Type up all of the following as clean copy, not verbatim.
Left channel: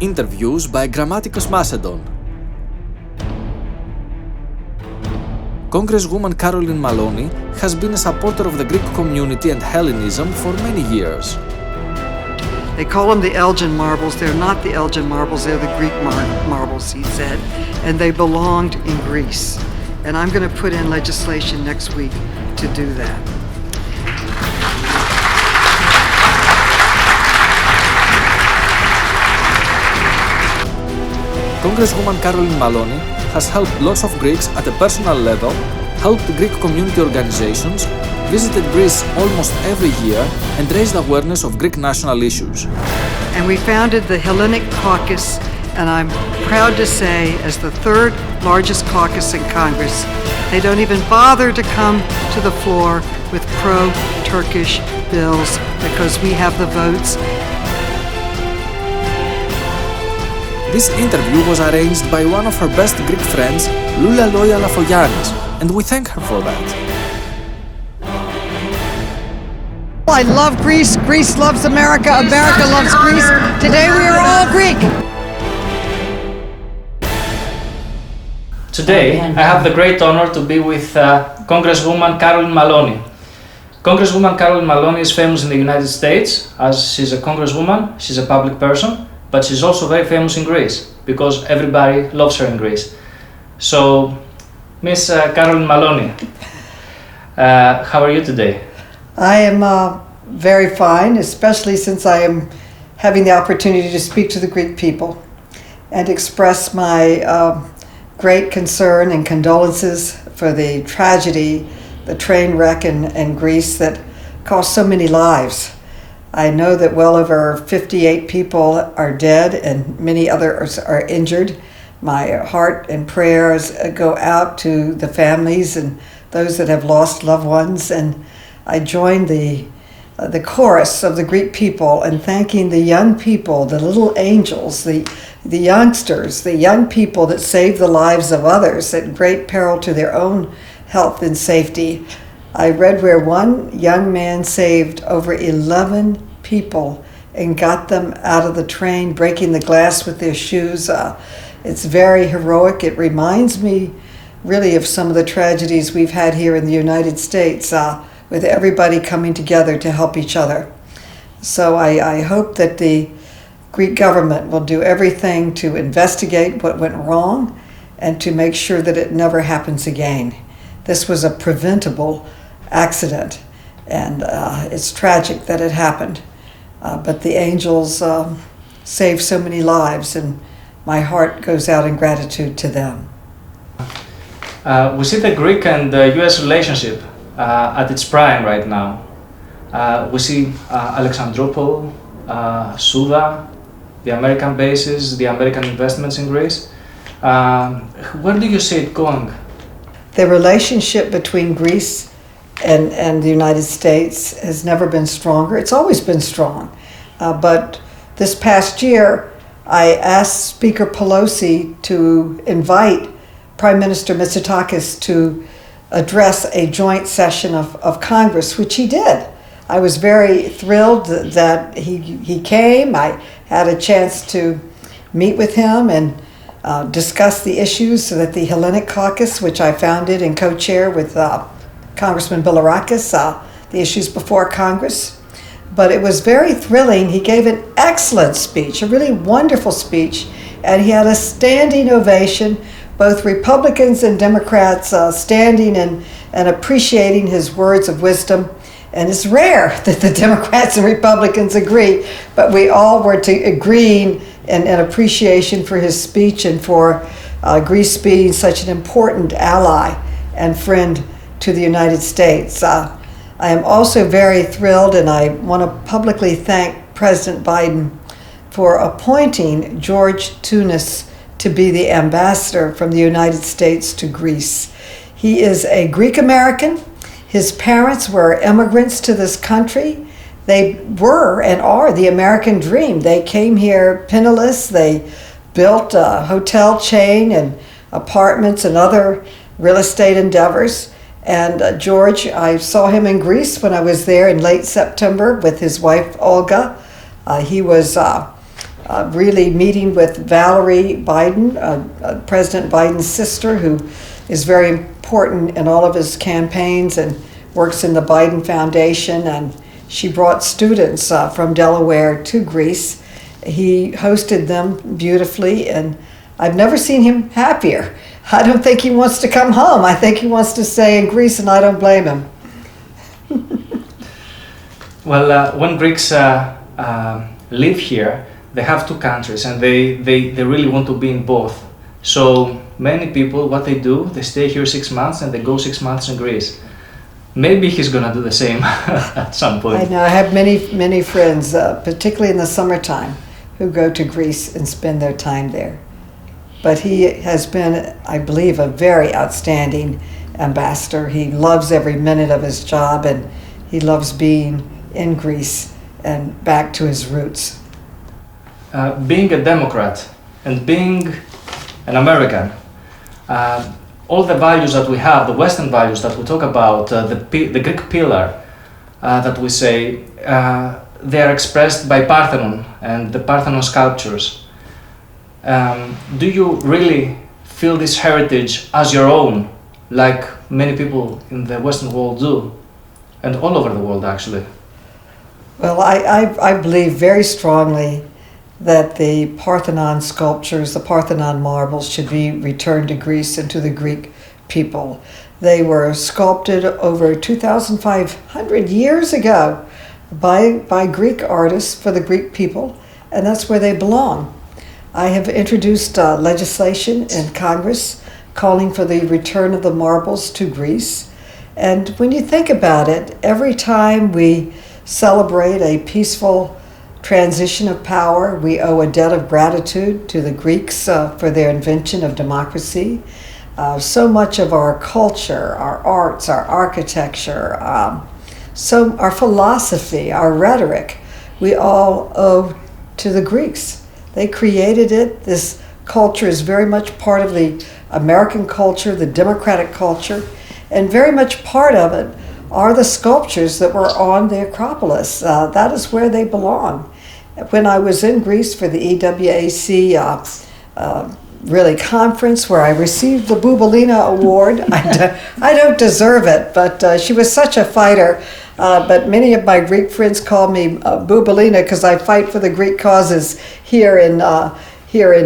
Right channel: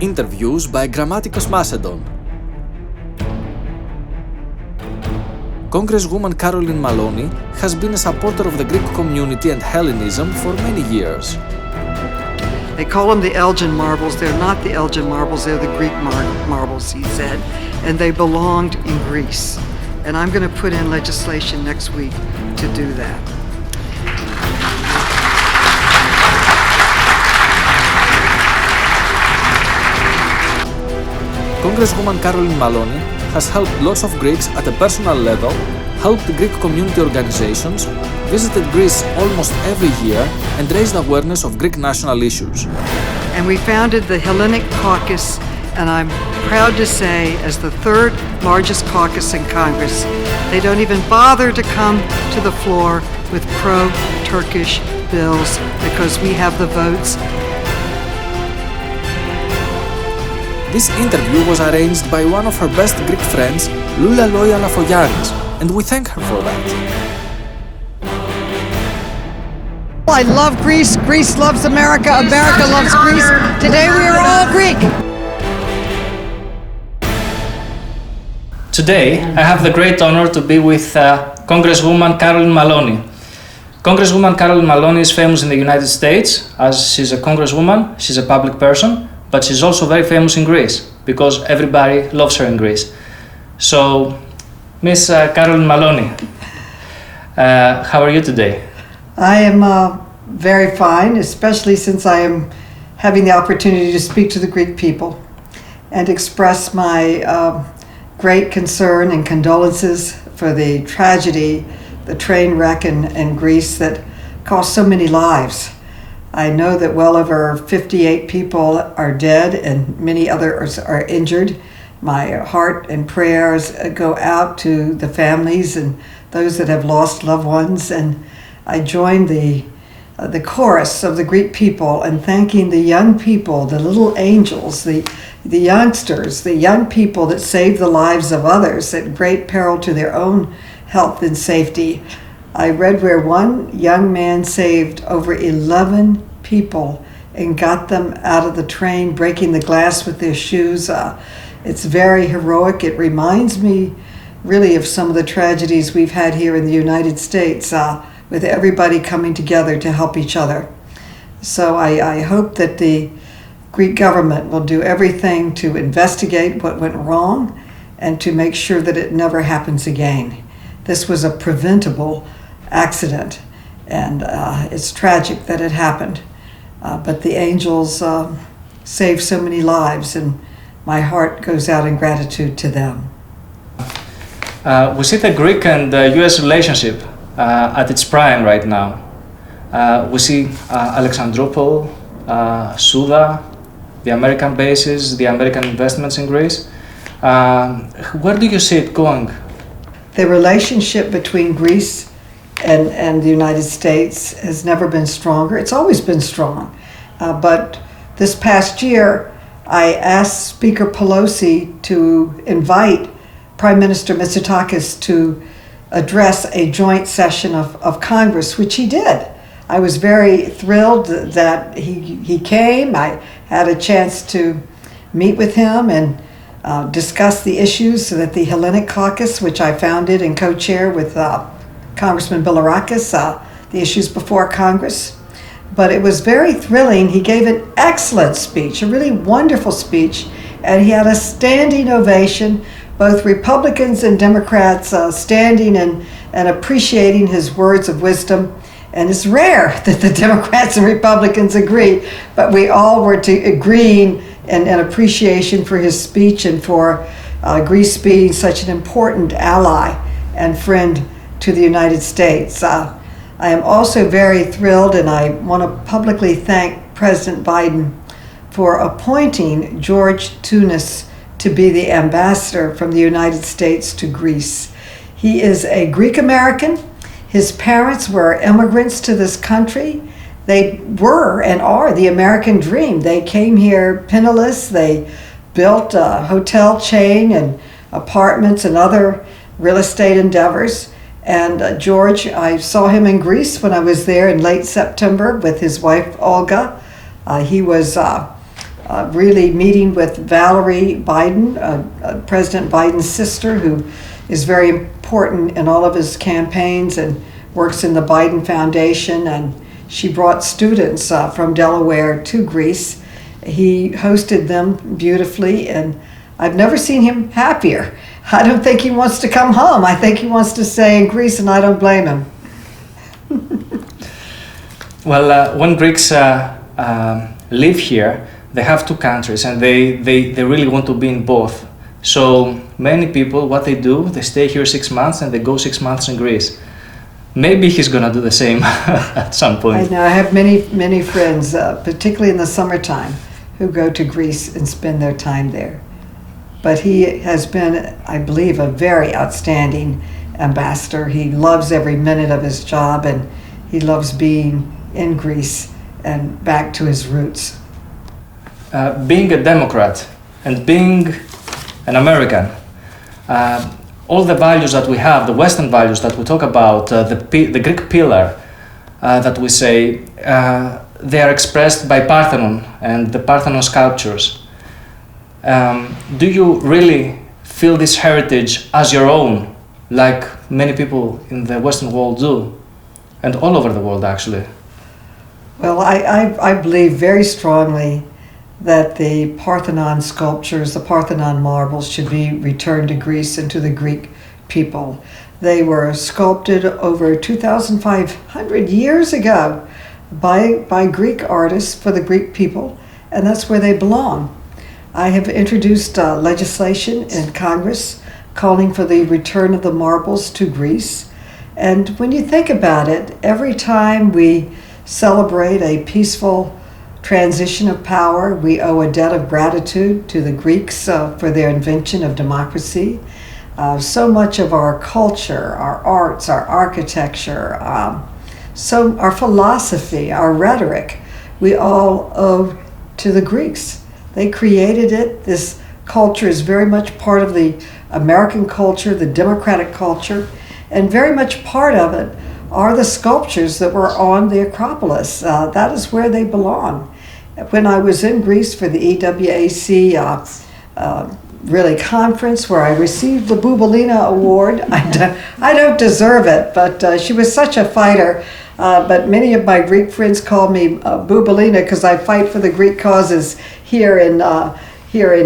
Interviews by Grammaticos Macedon. Congresswoman Carolyn Maloney has been a supporter of the Greek community and Hellenism for many years. They call them the Elgin marbles. They're not the Elgin marbles, they're the Greek marbles, he said, and they belonged in Greece. And I'm going to put in legislation next week to do that. Congresswoman Carolyn Maloney has helped lots of Greeks at a personal level, helped Greek community organizations, visited Greece almost every year, and raised awareness of Greek national issues. And we founded the Hellenic Caucus, and I'm proud to say, as the third largest caucus in Congress, they don't even bother to come to the floor with pro-Turkish bills because we have the votes. This interview was arranged by one of her best Greek friends, Lula Loya Lafoyannis, and we thank her for that. I love Greece, Greece loves America, America loves Greece. Today we are all Greek. Today, I have the great honor to be with Congresswoman Carolyn Maloney. Congresswoman Carolyn Maloney is famous in the United States as she's a congresswoman, she's a public person, but she's also very famous in Greece because everybody loves her in Greece. So, Miss Carolyn Maloney, how are you today? I am very fine, especially since I am having the opportunity to speak to the Greek people and express my great concern and condolences for the tragedy, the train wreck in Greece that cost so many lives. I know that well over 58 people are dead and many others are injured. My heart and prayers go out to the families and those that have lost loved ones, and I join the chorus of the Greek people in thanking the young people, the little angels, the youngsters, the young people that saved the lives of others at great peril to their own health and safety. I read where one young man saved over 11 people and got them out of the train, breaking the glass with their shoes. It's very heroic. It reminds me really of some of the tragedies we've had here in the United States with everybody coming together to help each other. So I hope that the Greek government will do everything to investigate what went wrong and to make sure that it never happens again. This was a preventable accident, and it's tragic that it happened. But the angels saved so many lives, and my heart goes out in gratitude to them. We see the Greek and US relationship at its prime right now. We see Alexandroupol, Suda, the American bases, the American investments in Greece. Where do you see it going? The relationship between Greece and the United States has never been stronger. It's always been strong. But this past year, I asked Speaker Pelosi to invite Prime Minister Mitsotakis to address a joint session of Congress, which he did. I was very thrilled that he came. I had a chance to meet with him and discuss the issues that the Hellenic Caucus, which I founded and co-chair with Congressman Bilirakis, the issues before Congress. But it was very thrilling. He gave an excellent speech, a really wonderful speech, and he had a standing ovation, both Republicans and Democrats standing and appreciating his words of wisdom. And it's rare that the Democrats and Republicans agree, but we all were agreeing in appreciation for his speech and for Greece being such an important ally and friend to the United States. I am also very thrilled, and I want to publicly thank President Biden for appointing George Tunis to be the ambassador from the United States to Greece. He is a Greek American. His parents were immigrants to this country. They were and are the American dream. They came here penniless. They built a hotel chain and apartments and other real estate endeavors. And George, I saw him in Greece when I was there in late September with his wife, Olga. He was really meeting with Valerie Biden, President Biden's sister, who is very important in all of his campaigns and works in the Biden Foundation, and she brought students from Delaware to Greece. He hosted them beautifully, and I've never seen him happier. I don't think he wants to come home. I think he wants to stay in Greece, and I don't blame him. Well, when Greeks live here, they have two countries, and they really want to be in both. So many people, what they do, they stay here 6 months and they go 6 months in Greece. Maybe he's gonna do the same at some point. I know. I have many friends, particularly in the summertime, who go to Greece and spend their time there. But he has been, I believe, a very outstanding ambassador. He loves every minute of his job, and he loves being in Greece and back to his roots. Being a Democrat and being an American, all the values that we have, the Western values that we talk about, the Greek pillar that we say, they are expressed by Parthenon and the Parthenon sculptures. Do you really feel this heritage as your own, like many people in the Western world do, and all over the world actually? Well, I believe very strongly that the Parthenon sculptures, the Parthenon marbles, should be returned to Greece and to the Greek people. They were sculpted over 2,500 years ago by Greek artists for the Greek people, and that's where they belong. I have introduced legislation in Congress calling for the return of the marbles to Greece. And when you think about it, every time we celebrate a peaceful transition of power, we owe a debt of gratitude to the Greeks for their invention of democracy. So much of our culture, our arts, our architecture, our philosophy, our rhetoric, we all owe to the Greeks. They created it. This culture is very much part of the American culture, the democratic culture, and very much part of it are the sculptures that were on the Acropolis. That is where they belong. When I was in Greece for the EWAC conference where I received the Bouboulina Award, I don't deserve it, but she was such a fighter. But many of my Greek friends call me Bouboulina because I fight for the Greek causes here in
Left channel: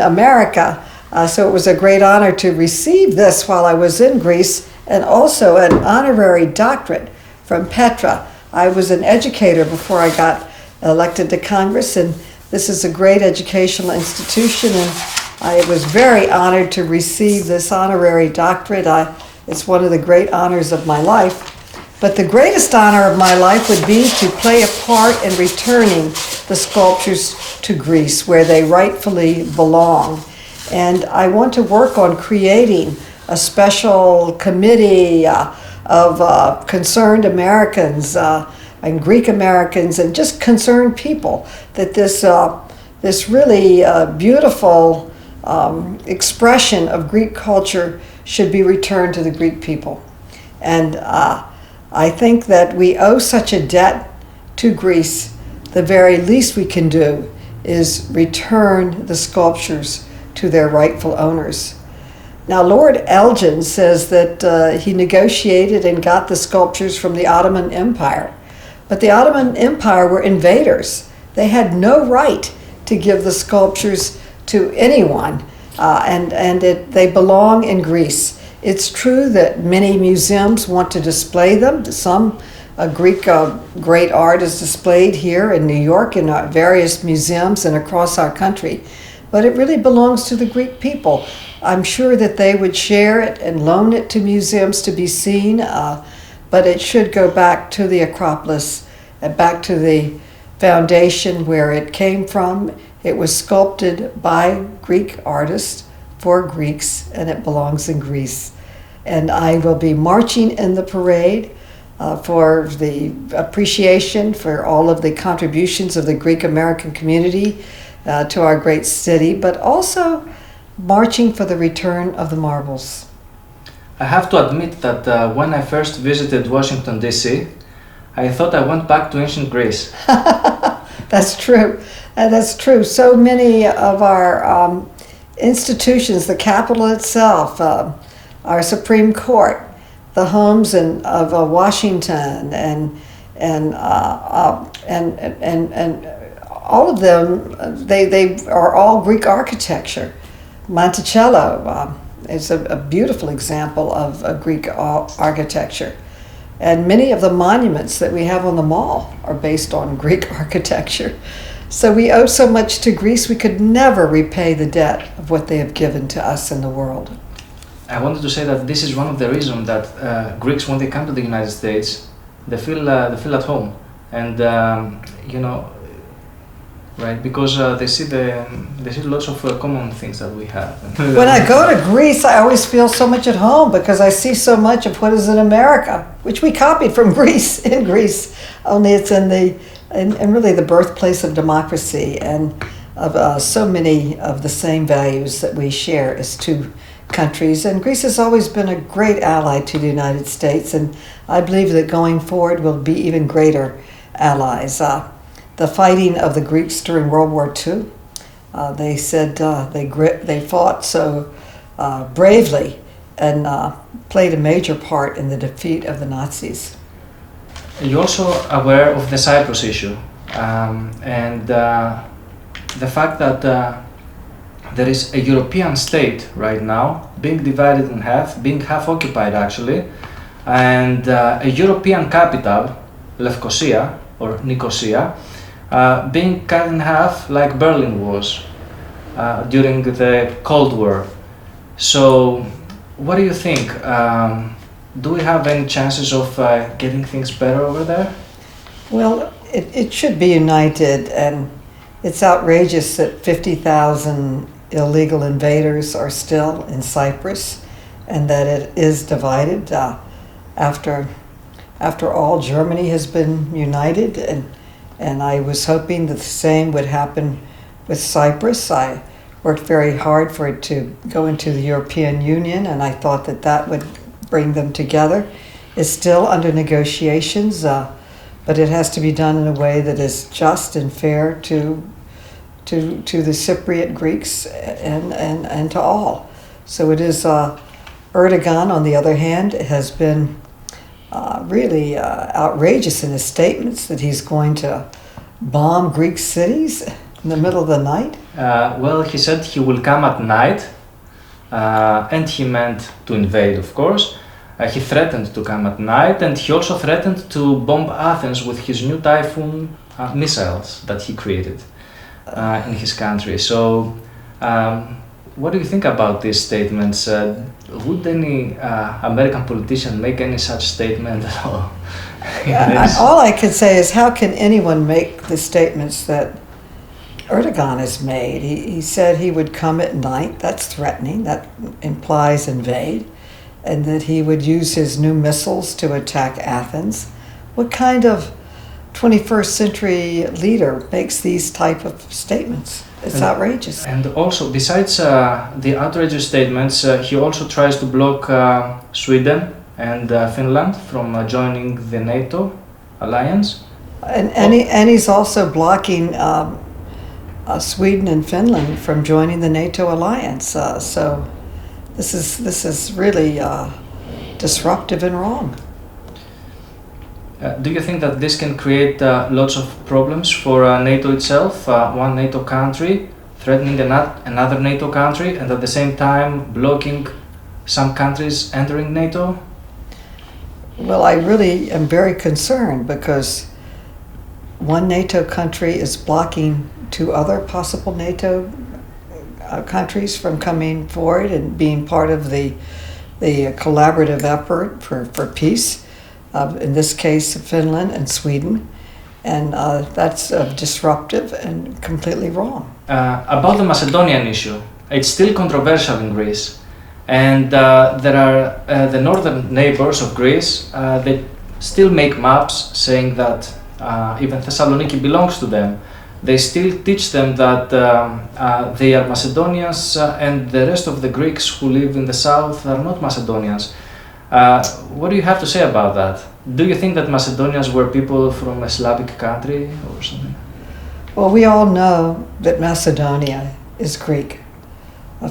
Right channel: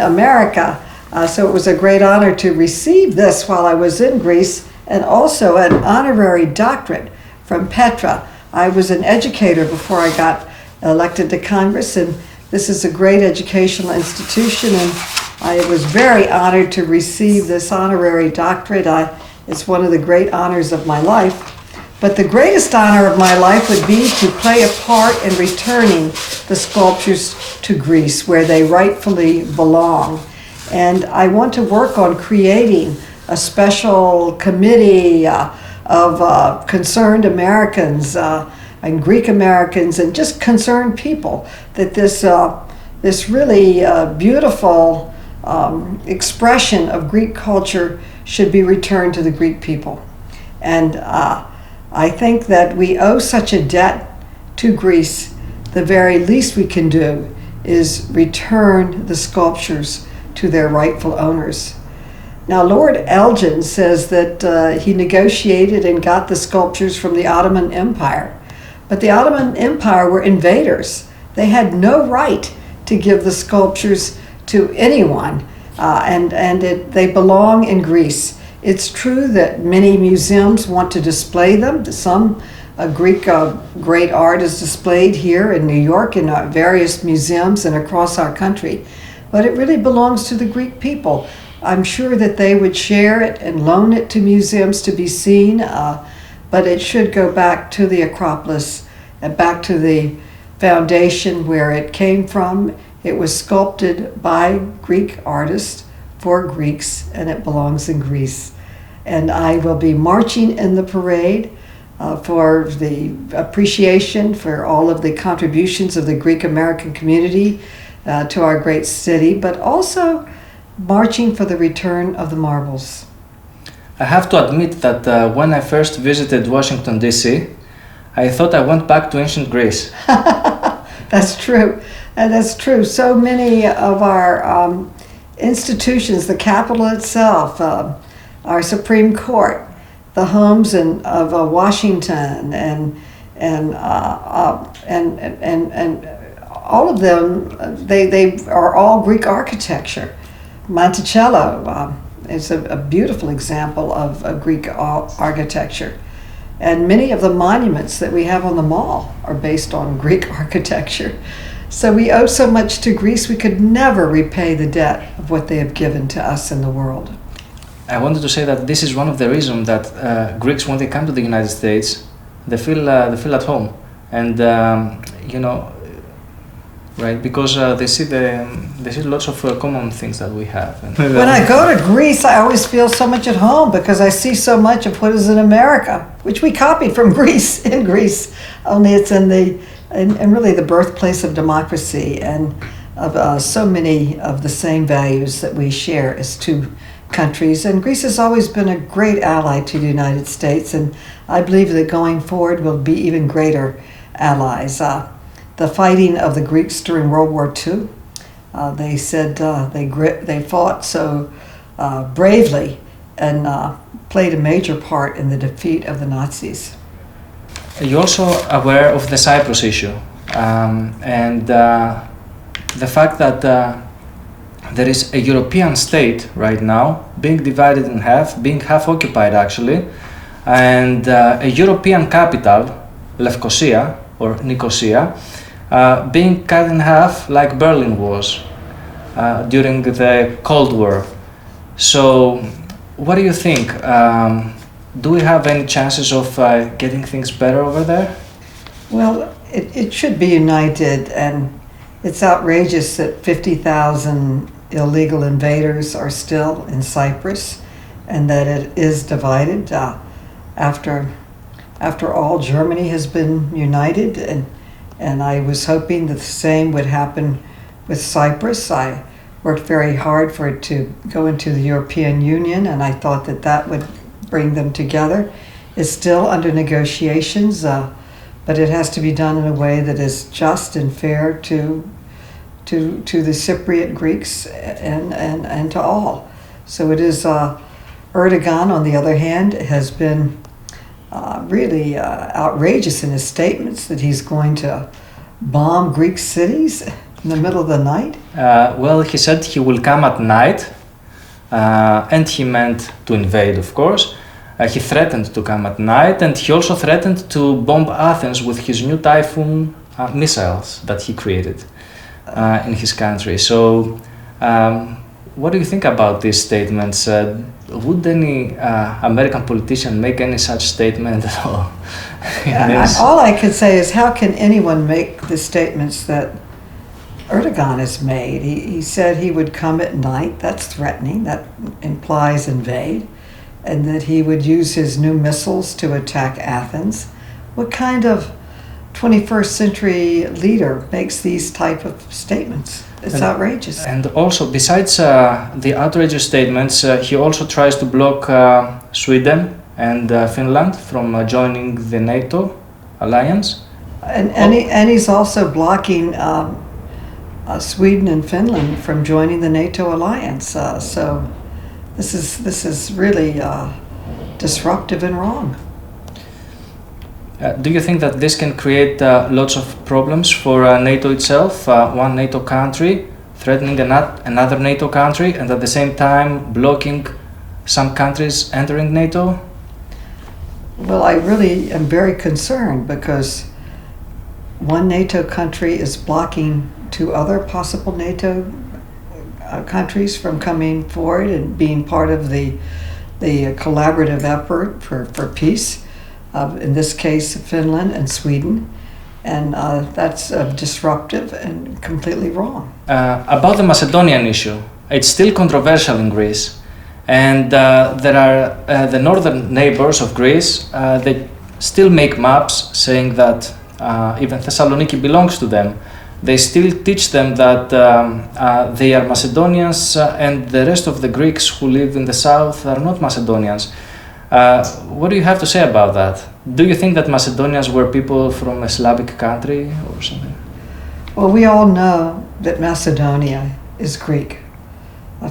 America. So it was a great honor to receive this while I was in Greece, and also an honorary doctorate from Petra. I was an educator before I got elected to Congress, and this is a great educational institution, and I was very honored to receive this honorary doctorate. It's one of the great honors of my life. But the greatest honor of my life would be to play a part in returning the sculptures to Greece, where they rightfully belong. And I want to work on creating a special committee of concerned Americans and Greek Americans and just concerned people that this really beautiful expression of Greek culture should be returned to the Greek people. And I think that we owe such a debt to Greece. The very least we can do is return the sculptures to their rightful owners. Now, Lord Elgin says that he negotiated and got the sculptures from the Ottoman Empire. But the Ottoman Empire were invaders. They had no right to give the sculptures to anyone, they belong in Greece. It's true that many museums want to display them. Some Greek great art is displayed here in New York in various museums and across our country. But it really belongs to the Greek people. I'm sure that they would share it and loan it to museums to be seen, but it should go back to the Acropolis and back to the foundation where it came from. It was sculpted by Greek artists for Greeks, and it belongs in Greece. And I will be marching in the parade for the appreciation for all of the contributions of the Greek American community to our great city, but also marching for the return of the marbles. I have to admit that when I first visited Washington, D.C., I thought I went back to ancient Greece. That's true. And that's true. So many of our institutions, the Capitol itself, our Supreme Court, the homes of Washington, and all of them, they are all Greek architecture. Monticello is a beautiful example of Greek architecture. And many of the monuments that we have on the mall are based on Greek architecture. So we owe so much to Greece, we could never repay the debt of what they have given to us in the world. I wanted to say that this is one of the reasons that Greeks, when they come to the United States, they feel at home, and right, because they see lots of common things that we have. When I go to Greece, I always feel so much at home because I see so much of what is in America, which we copied from Greece in Greece. Only it's in really the birthplace of democracy and of so many of the same values that we share as two countries. And Greece has always been a great ally to the United States, and I believe that going forward we'll be even greater allies. The fighting of the Greeks during World War II, they said they fought so bravely and played a major part in the defeat of the Nazis. You're also aware of the Cyprus issue and the fact that there is a European state right now being divided in half, being half occupied actually, and a European capital, Lefkosia or Nicosia, being cut in half like Berlin was during the Cold War. So what do you think? Do we have any chances of getting things better over there? Well, it should be united, and it's outrageous that 50,000 illegal invaders are still in Cyprus and that it is divided. After all, Germany has been united, and I was hoping that the same would happen with Cyprus. I worked very hard for it to go into the European Union, and I thought that would bring them together. It's still under negotiations, but it has to be done in a way that is just and fair to the Cypriot Greeks and to all. So it is Erdogan, on the other hand, has been really outrageous in his statements that he's going to bomb Greek cities in the middle of the night. Well, he said he will come at night, and he meant to invade, of course. He threatened to come at night, and he also threatened to bomb Athens with his new Typhoon missiles that he created in his country. So, what do you think about these statements? Would any American politician make any such statement at all? All I can say is, how can anyone make the statements that Erdogan has made? He said he would come at night. That's threatening. That implies invade. And that he would use his new missiles to attack Athens. What kind of 21st century leader makes these type of statements? It's outrageous. And also, besides the outrageous statements, he also tries to block Sweden and Finland from joining the NATO alliance. And he's also blocking Sweden and Finland from joining the NATO alliance. So this is really disruptive and wrong. Do you think that this can create lots of problems for NATO itself? One NATO country threatening another NATO country, and at the same time blocking some countries entering NATO? Well, I really am very concerned because one NATO country is blocking two other possible NATO countries from coming forward and being part of the collaborative effort for peace. In this case, Finland and Sweden, and that's disruptive and completely wrong. About the Macedonian issue, it's still controversial in Greece, and there are the northern neighbors of Greece. They still make maps saying that even Thessaloniki belongs to them. They still teach them that they are Macedonians, and the rest of the Greeks who live in the south are not Macedonians. What do you have to say about that? Do you think that Macedonians were people from a Slavic country or something? Well, we all know that Macedonia is Greek.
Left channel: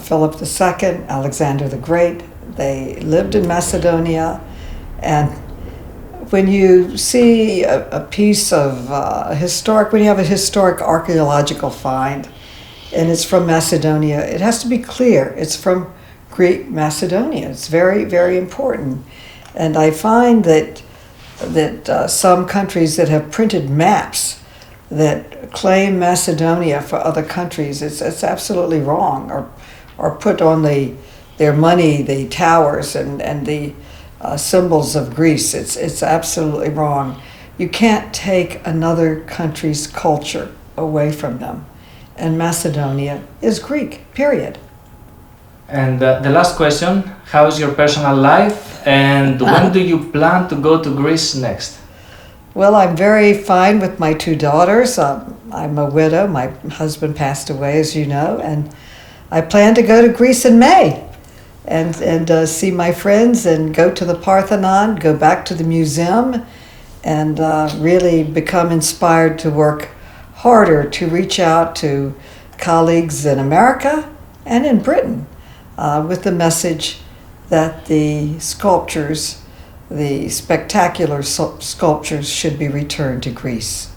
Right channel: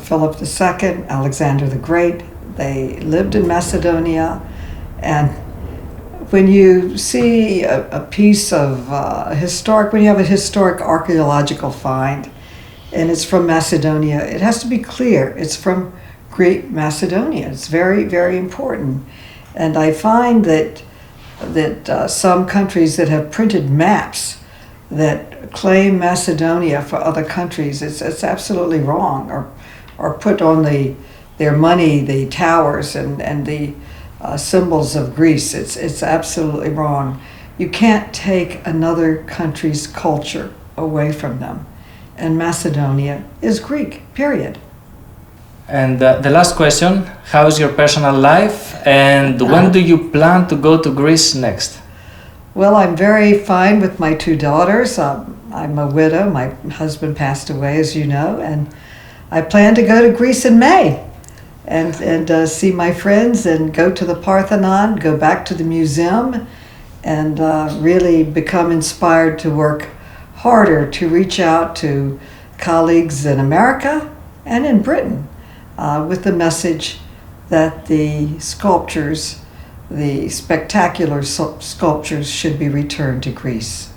Philip II, Alexander the Great, they lived in Macedonia, and when you see a piece of when you have a historic archaeological find, and it's from Macedonia, it has to be clear it's from Greek Macedonia. It's very, very important. And I find that some countries that have printed maps that claim Macedonia for other countries, it's absolutely wrong, or put on their money the towers and the symbols of Greece. It's absolutely wrong. You can't take another country's culture away from them. And Macedonia is Greek, period. And the last question, how is your personal life, and when do you plan to go to Greece next? Well, I'm very fine with my two daughters. I'm a widow. My husband passed away, as you know, and I plan to go to Greece in May and see my friends and go to the Parthenon, go back to the museum, and really become inspired to work harder to reach out to colleagues in America and in Britain with the message that the sculptures, the spectacular sculptures, should be returned to Greece.